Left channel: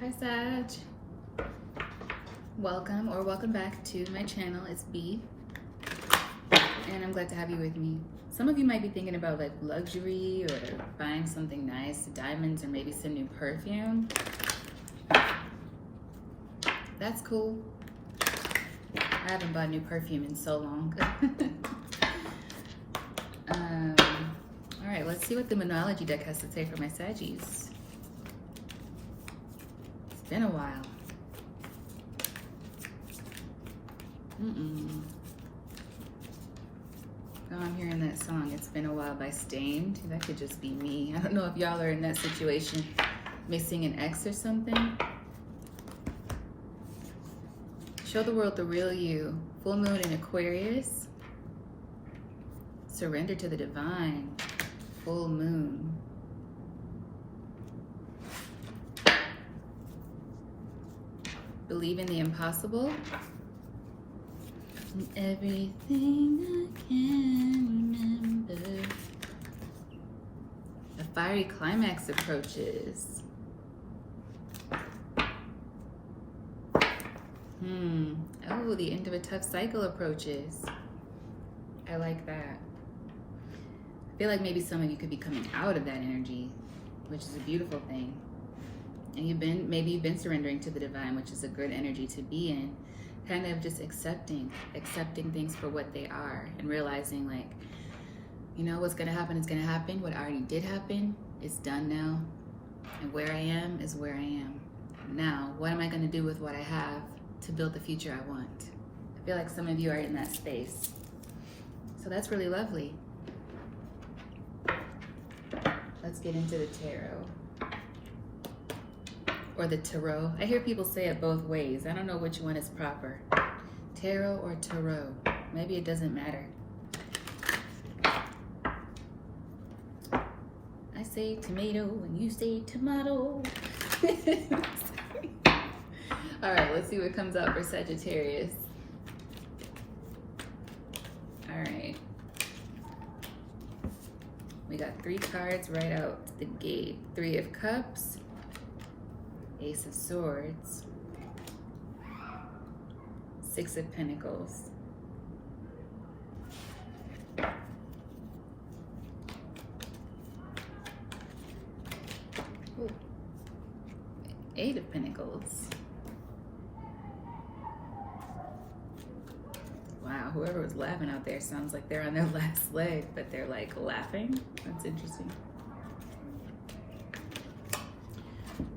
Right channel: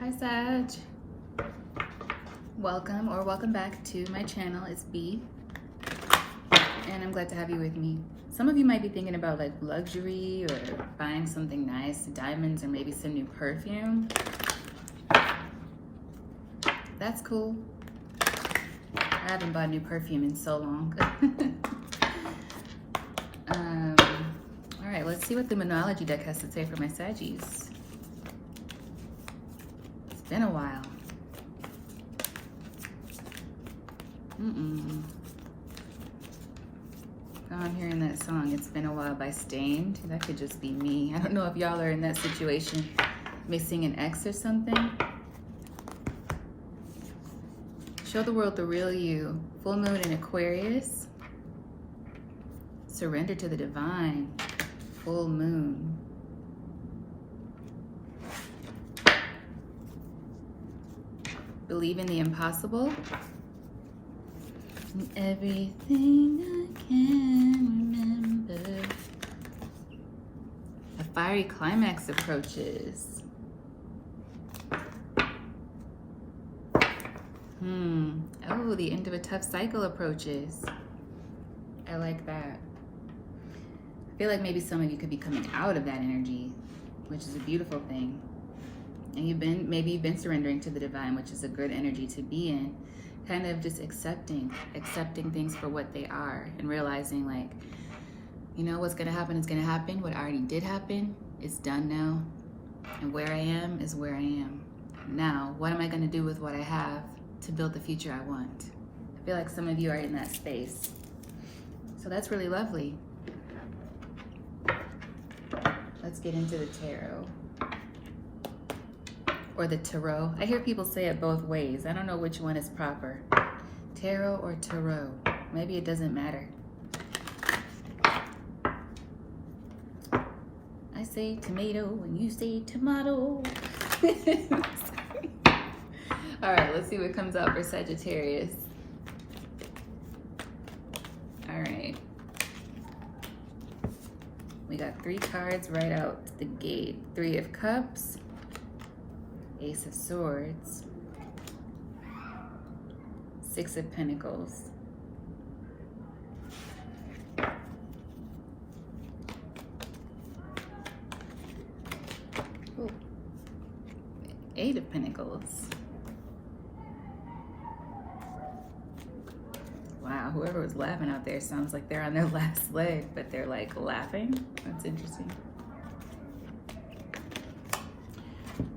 Hi Sag. Welcome back to my channel. It's B, and I'm glad to have you with me. Some of you might be thinking about like luxury or buying something nice, diamonds, or maybe some new perfume. That's cool. I haven't bought new perfume in so long. All right, let's see what the Monology deck has to say for my Saggies. It's been a while. Oh, I'm hearing that song, It's Been a While by Stained. Well, that could just be me. I don't know if y'all are in that situation, missing an ex or something. Show the world the real you. Full moon in Aquarius. Surrender to the divine. Full moon. Believe in the impossible. And everything I can remember. A fiery climax approaches. Oh, the end of a tough cycle approaches. I like that. I feel like maybe some of you could be coming out of that energy, which is a beautiful thing. And maybe you've been surrendering to the divine, which is a good energy to be in. Kind of just accepting things for what they are, and realizing, like, you know, what's gonna happen is gonna happen. What already did happen is done now, and where I am is where I am. Now, what am I gonna do with what I have to build the future I want? I feel like some of you are in that space. So that's really lovely. Let's get into the tarot. Or the tarot. I hear people say it both ways. I don't know which one is proper. Tarot or tarot. Maybe it doesn't matter. I say tomato and you say tomato. All right, let's see what comes out for Sagittarius. All right. We got 3 cards right out the gate. 3 of Cups. Ace of Swords, 6 of Pentacles, ooh, 8 of Pentacles. Wow, whoever was laughing out there sounds like they're on their last leg, but they're like laughing. That's interesting.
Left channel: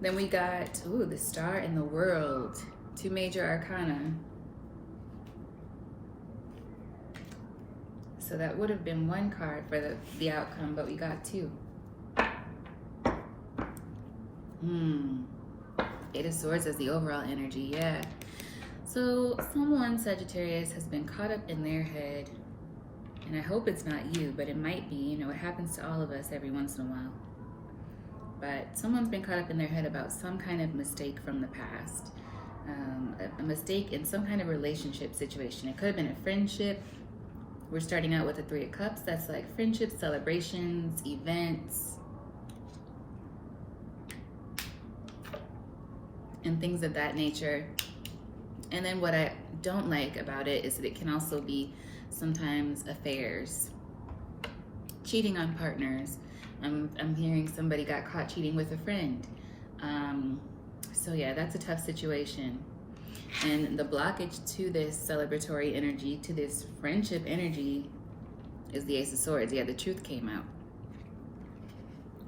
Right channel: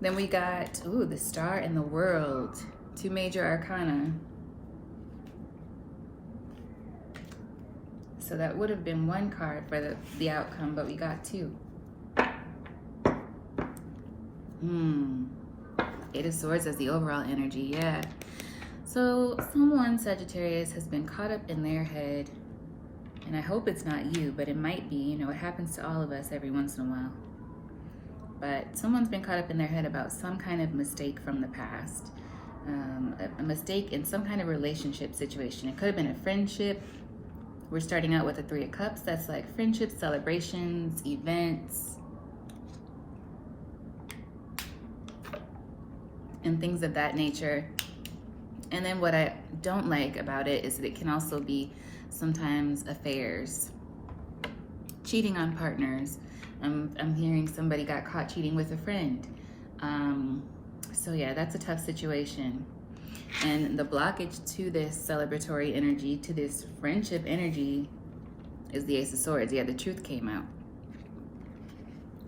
Then we got, ooh, the Star and the World. 2 major arcana. So that would have been 1 card for the outcome, but we got 2. 8 of Swords as the overall energy, yeah. So someone, Sagittarius, has been caught up in their head, and I hope it's not you, but it might be. You know, it happens to all of us every once in a while. But someone's been caught up in their head about some kind of mistake from the past. A mistake in some kind of relationship situation. It could have been a friendship. We're starting out with the 3 of Cups. That's like friendships, celebrations, events, and things of that nature. And then what I don't like about it is that it can also be sometimes affairs, cheating on partners. I'm hearing somebody got caught cheating with a friend. So yeah, that's a tough situation. And the blockage to this celebratory energy, to this friendship energy, is the Ace of Swords. Yeah, the truth came out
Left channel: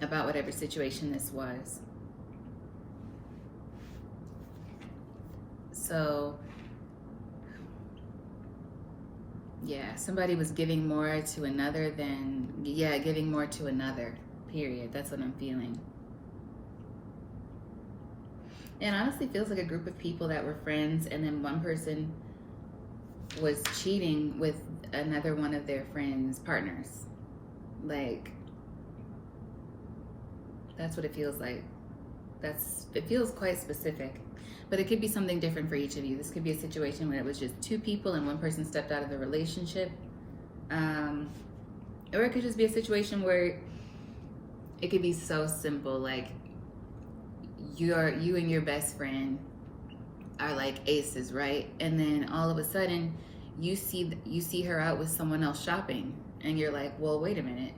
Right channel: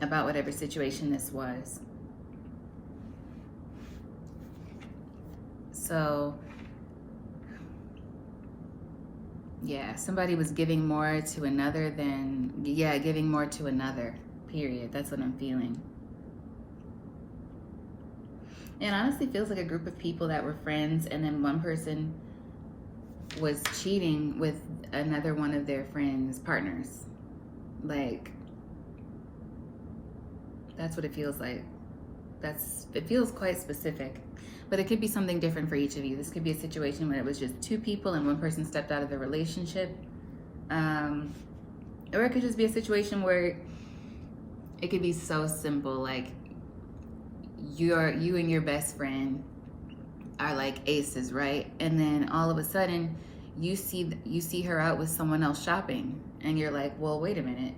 about whatever situation this was. So yeah, somebody was giving more to another than, yeah, giving more to another. Period. That's what I'm feeling. And honestly feels like a group of people that were friends, and then one person was cheating with another one of their friends' partners. Like, that's what it feels like. It feels quite specific. But it could be something different for each of you. This could be a situation where it was just 2 people and one person stepped out of the relationship. Or it could just be a situation where it could be so simple, like you and your best friend are like aces, right? And then all of a sudden you see her out with someone else shopping, and you're like, well, wait a minute,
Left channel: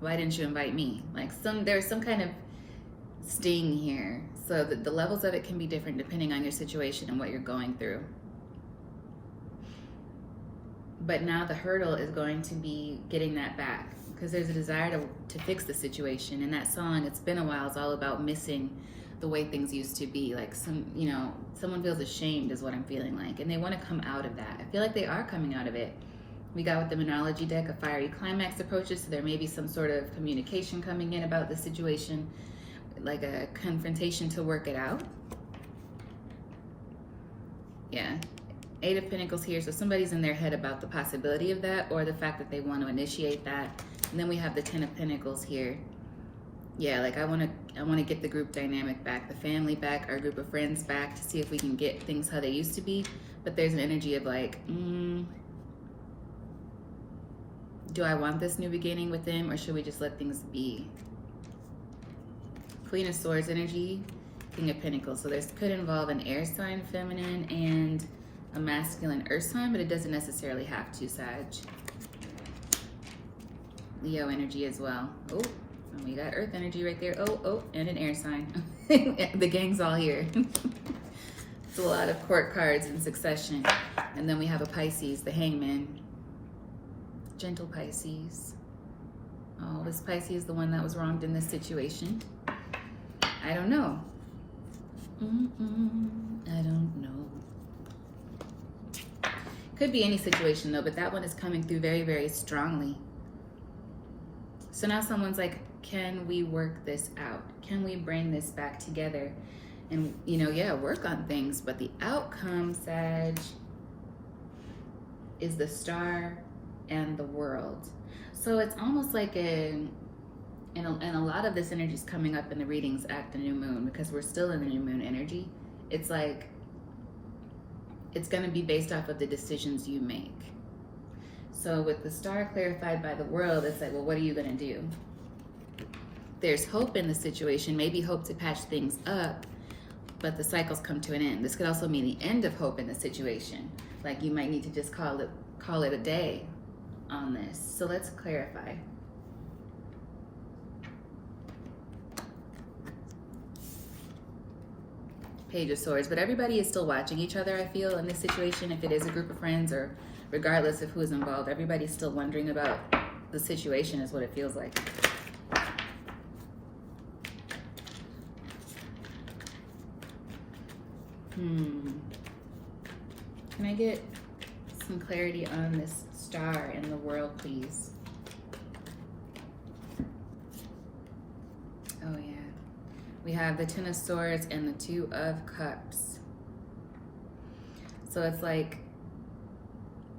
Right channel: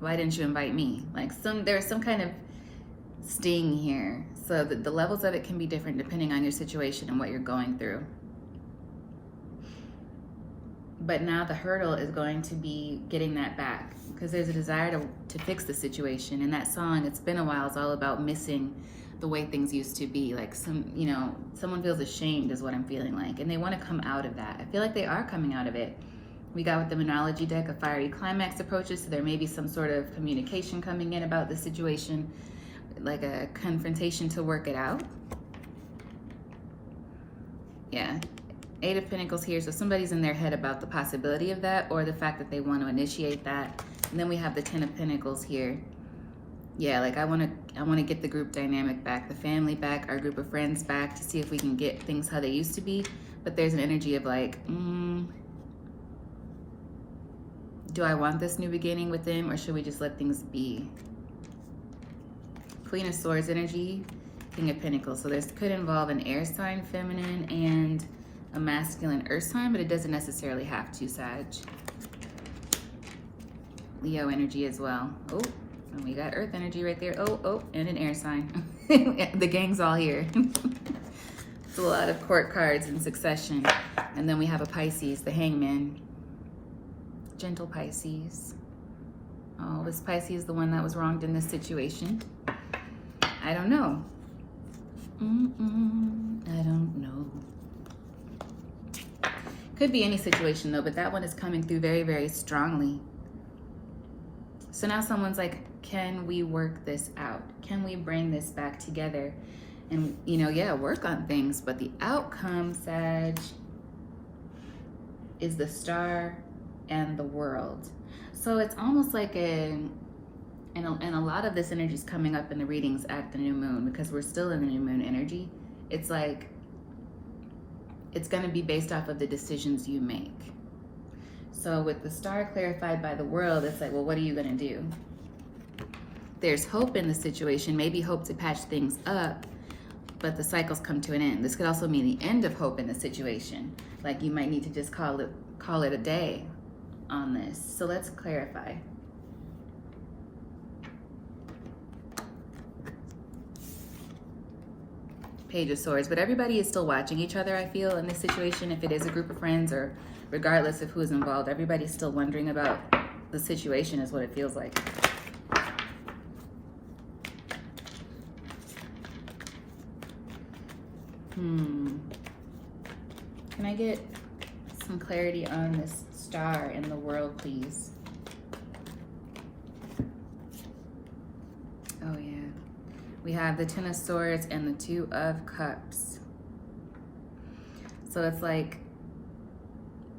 why didn't you invite me? Like there's some kind of sting here. So the levels of it can be different depending on your situation and what you're going through. But now the hurdle is going to be getting that back, because there's a desire to fix the situation. And that song, It's Been a While, is all about missing the way things used to be. Like someone feels ashamed is what I'm feeling like, and they want to come out of that. I feel like they are coming out of it. We got with the Monology deck a fiery climax approaches, so there may be some sort of communication coming in about the situation, like a confrontation to work it out. Yeah. 8 of Pentacles here, so somebody's in their head about the possibility of that, or the fact that they want to initiate that. And then we have the 10 of Pentacles here. Yeah, like I want to get the group dynamic back, the family back, our group of friends back, to see if we can get things how they used to be. But there's an energy of like, do I want this new beginning with them, or should we just let things be? Queen of Swords energy, King of Pentacles. So this could involve an air sign, feminine, and a masculine earth sign, but it doesn't necessarily have to, Sag. Leo energy as well. Oh, we got earth energy right there. Oh, and an air sign. The gang's all here. A lot of court cards in succession. And then we have a Pisces, the Hangman. Gentle Pisces. Oh, this Pisces is the one that was wronged in this situation. I don't know. I don't know. Could be any situation though, but that one is coming through very, very strongly. So now someone's like, can we work this out? Can we bring this back together? And, yeah, work on things. But the outcome, Sag, is the Star and the World. So it's almost like and a lot of this energy is coming up in the readings at the new moon, because we're still in the new moon energy. It's like, it's going to be based off of the decisions you make. So with the Star clarified by the World, it's like, well, what are you going to do? There's hope in the situation, maybe hope to patch things up, but the cycles come to an end. This could also mean the end of hope in the situation. Like you might need to just call it a day on this. So let's clarify. Page of Swords, but everybody is still watching each other, I feel, in this situation. If it is a group of friends, or regardless of who is involved, everybody's still wondering about the situation, is what it feels like. Can I get some clarity on this Star and the World, please? Oh yeah. We have the 10 of Swords and the 2 of Cups. So it's like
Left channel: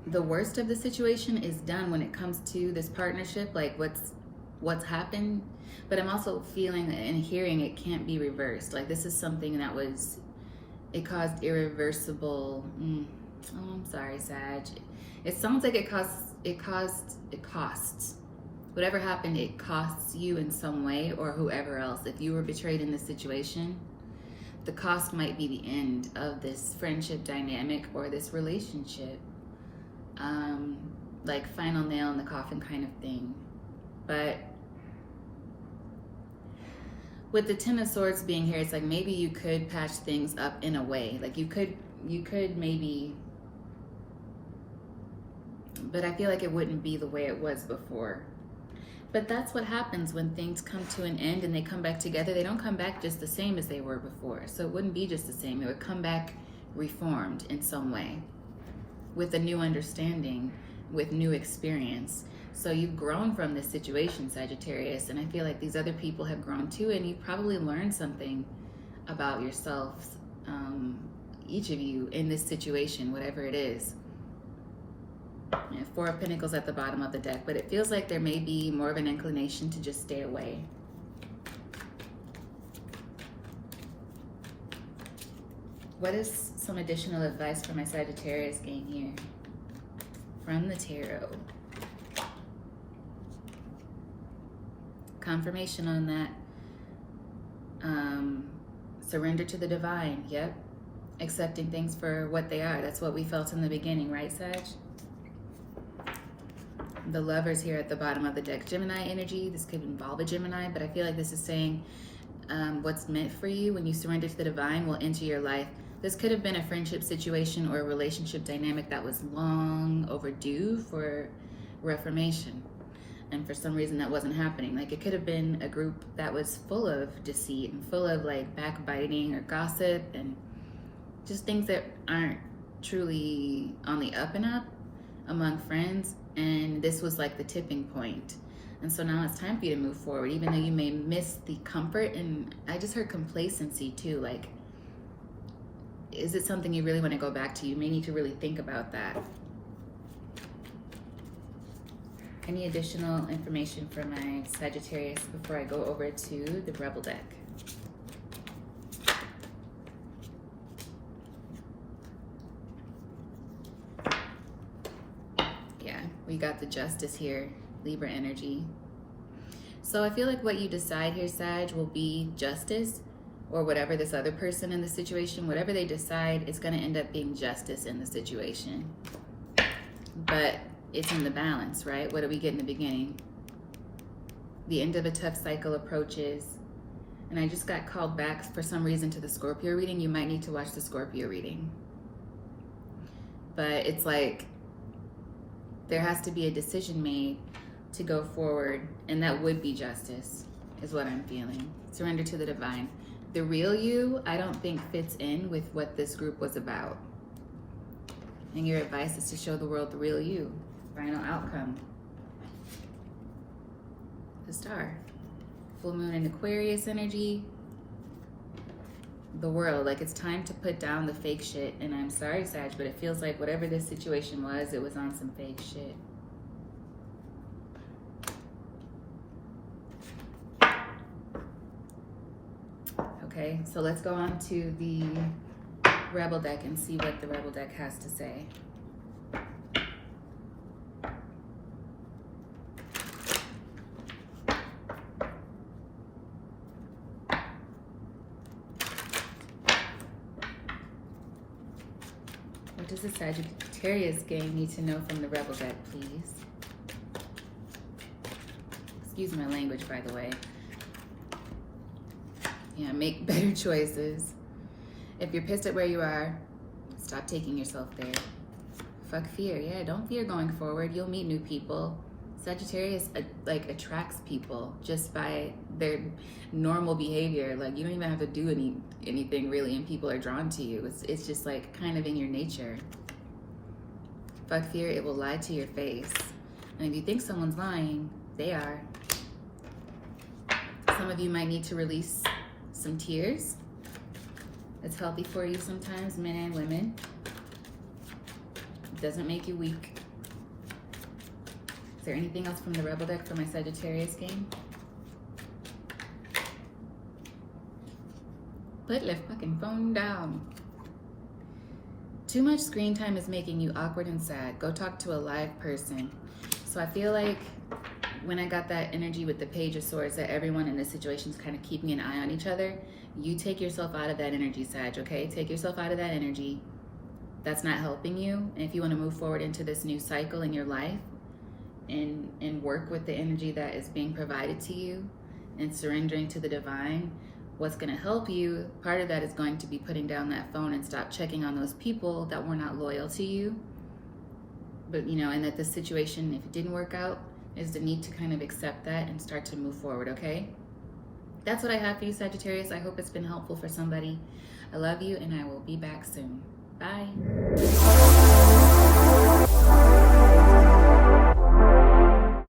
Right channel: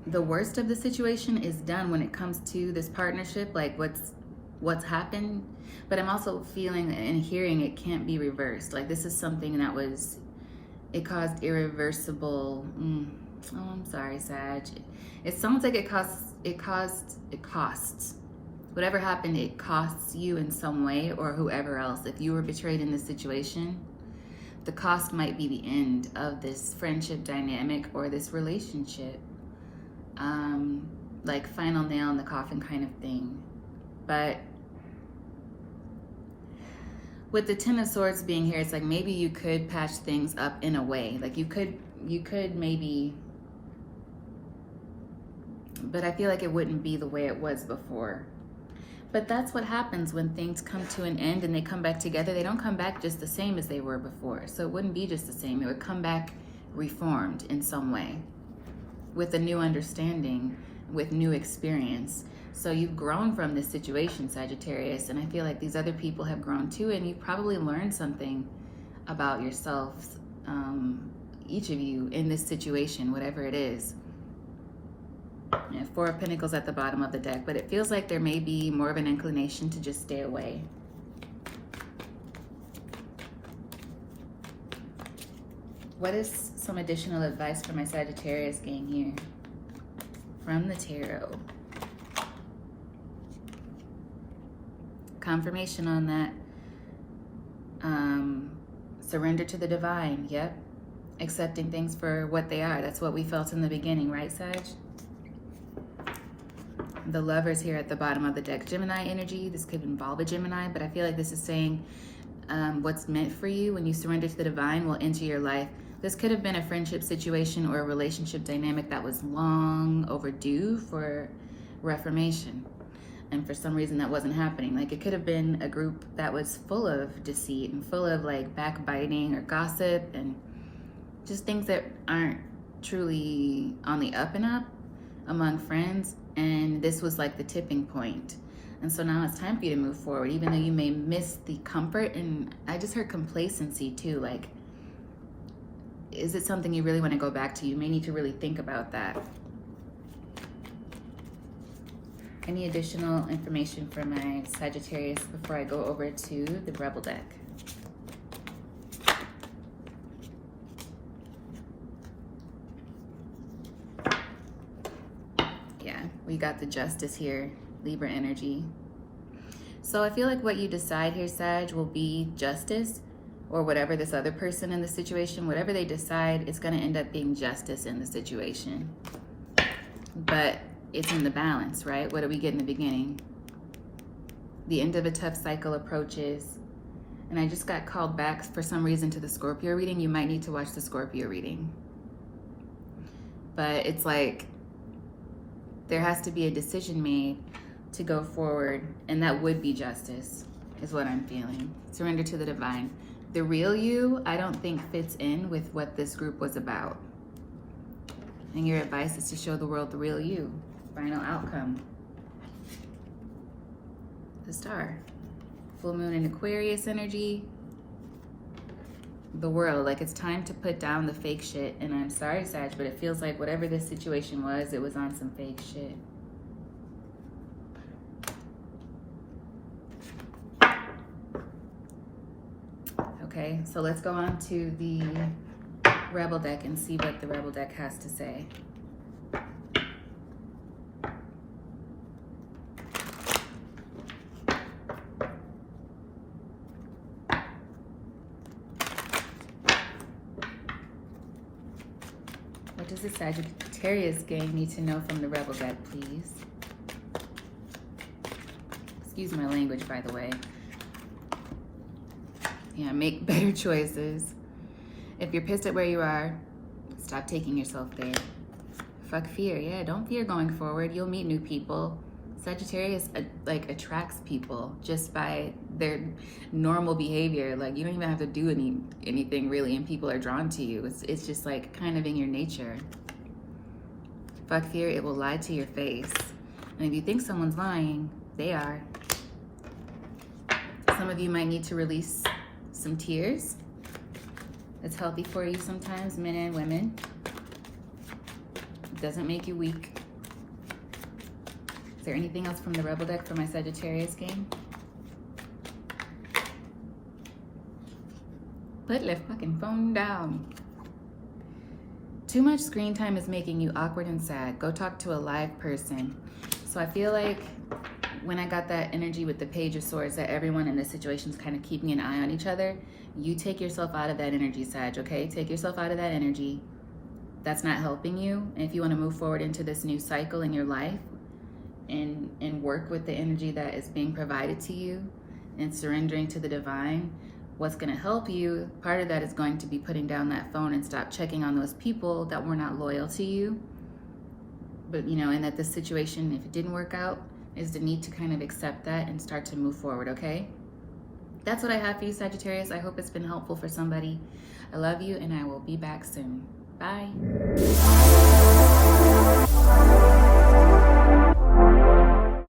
the worst of the situation is done when it comes to this partnership, like what's happened. But I'm also feeling and hearing it can't be reversed. Like this is something that it caused irreversible. Oh, I'm sorry, Sag. It sounds like it costs. Whatever happened, it costs you in some way, or whoever else. If you were betrayed in this situation, the cost might be the end of this friendship dynamic or this relationship. Like final nail in the coffin kind of thing. But with the 10 of Swords being here, it's like maybe you could patch things up in a way. Like you could maybe, but I feel like it wouldn't be the way it was before. But that's what happens when things come to an end and they come back together. They don't come back just the same as they were before. So it wouldn't be just the same. It would come back reformed in some way, with a new understanding, with new experience. So you've grown from this situation, Sagittarius, and I feel like these other people have grown too, and you've probably learned something about yourself, each of you, in this situation, whatever it is. Yeah, 4 of Pentacles at the bottom of the deck, but it feels like there may be more of an inclination to just stay away. What is some additional advice for my Sagittarius gang here from the tarot? Confirmation on that. Surrender to the divine. Yep. Accepting things for what they are. That's what we felt in the beginning, right, Sag? The Lovers here at the bottom of the deck. Gemini energy. This could involve a Gemini, but I feel like this is saying what's meant for you when you surrender to the divine will enter your life. This could have been a friendship situation or a relationship dynamic that was long overdue for reformation. And for some reason that wasn't happening. Like, it could have been a group that was full of deceit and full of like backbiting or gossip and just things that aren't truly on the up and up among friends. And this was like the tipping point. And so now it's time for you to move forward, even though you may miss the comfort. And I just heard complacency too. Like, is it something you really want to go back to? You may need to really think about that. Any additional information for my Sagittarius before I go over to the Rebel deck? Yeah, we got the Justice here, Libra energy. So I feel like what you decide here, Sag, will be justice, or whatever this other person in the situation, whatever they decide, it's going to end up being justice in the situation. But it's in the balance, right? What do we get in the beginning? The end of a tough cycle approaches. And I just got called back for some reason to the Scorpio reading. You might need to watch the Scorpio reading. But it's like there has to be a decision made to go forward, and that would be justice, is what I'm feeling. Surrender to the divine. The real you, I don't think fits in with what this group was about. And your advice is to show the world the real you. Final outcome. The Star. Full moon in Aquarius energy. The World. Like, it's time to put down the fake shit. And I'm sorry, Sag, but it feels like whatever this situation was, it was on some fake shit. Okay, so let's go on to the Rebel deck and see what the Rebel deck has to say. What does the Sagittarius gang need to know from the Rebel deck, please? Excuse my language, by the way. Yeah, make better choices. If you're pissed at where you are, stop taking yourself there. Fuck fear. Yeah, don't fear going forward. You'll meet new people. Sagittarius like attracts people just by their normal behavior. Like, you don't even have to do anything really, and people are drawn to you. It's just like kind of in your nature. Fuck fear. It will lie to your face. And if you think someone's lying, they are. Some of you might need to release some tears. It's healthy for you sometimes, men and women. It doesn't make you weak. Is there anything else from the Rebel deck for my Sagittarius game? Put the fucking phone down. Too much screen time is making you awkward and sad. Go talk to a live person. So I feel like when I got that energy with the Page of Swords, that everyone in this situation is kind of keeping an eye on each other. You take yourself out of that energy, Sag, okay? Take yourself out of that energy. That's not helping you. And if you want to move forward into this new cycle in your life and work with the energy that is being provided to you and surrendering to the divine, what's going to help you, part of that is going to be putting down that phone and stop checking on those people that were not loyal to you. But, you know, and that this situation, if it didn't work out, is the need to kind of accept that and start to move forward, okay? That's what I have for you, Sagittarius. I hope it's been helpful for somebody. I love you, and I will be back soon. Bye.